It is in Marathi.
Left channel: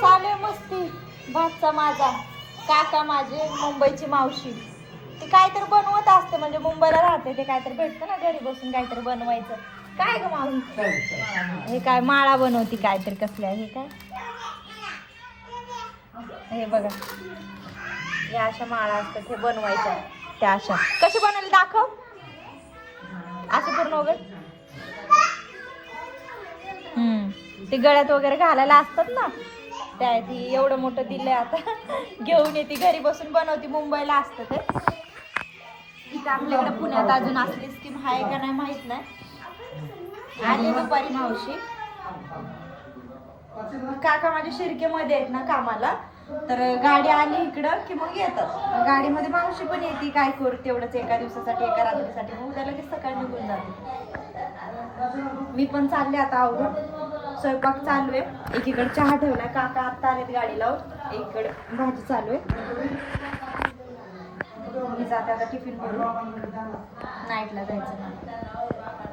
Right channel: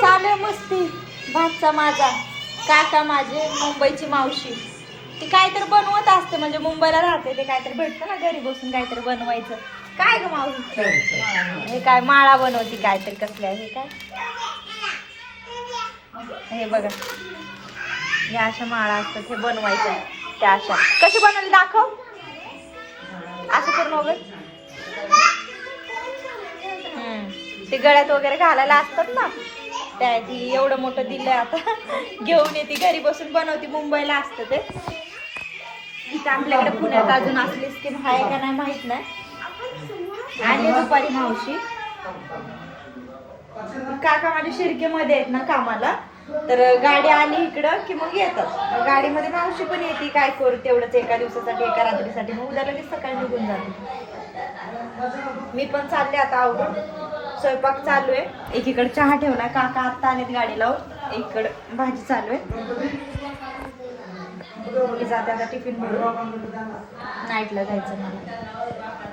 चालू मस्ती भातचा माझा. काका माझे मुंबईची मावशी. ती काहीतरी बनवत असते म्हणजे मुंबईला राहते ते काहीतरी भेटतं ना घरी बसून काहीतरी बनवायचं. काय ग मावशी? हे काय माळा बनवते काहीतरी कसल्या हे काय? हे बघा. हे अशा माळा असतात हे बनवायच्या त्या अशा. कशी बनवली दाखव. ती गळ्यात वगैरे घालायला असतात ना त्या ती एवढं मोठं दिलंय आता. घेऊन येते घरी बसून बनवते मुंबईला असतं ते. इथं आपल्याकडे पुण्यात अजून असली स्कीम आहे का नाही माहीत नाही. आली दुपारी मावशी. काका माझ्या शिरकेमध्ये आहेत ना कामाला. तर गाडी आली इकडं की मग येतात. गाडीमध्ये मावशी पण येते काय करू तेवढंच एका दिवसासाठी एका रात्रीसाठी. मग उद्या लगेच सकाळी निघून जाते. मी पण चालले आता आवडून स्वयंपाक चालू आहे. एकीकडे चहा ठेवला काका आत्ता आलेत गाडी लावून. एकीकडे भाजी चालू आहे. मी जाते आता टिफिन भरून नाईटला जायचं मला.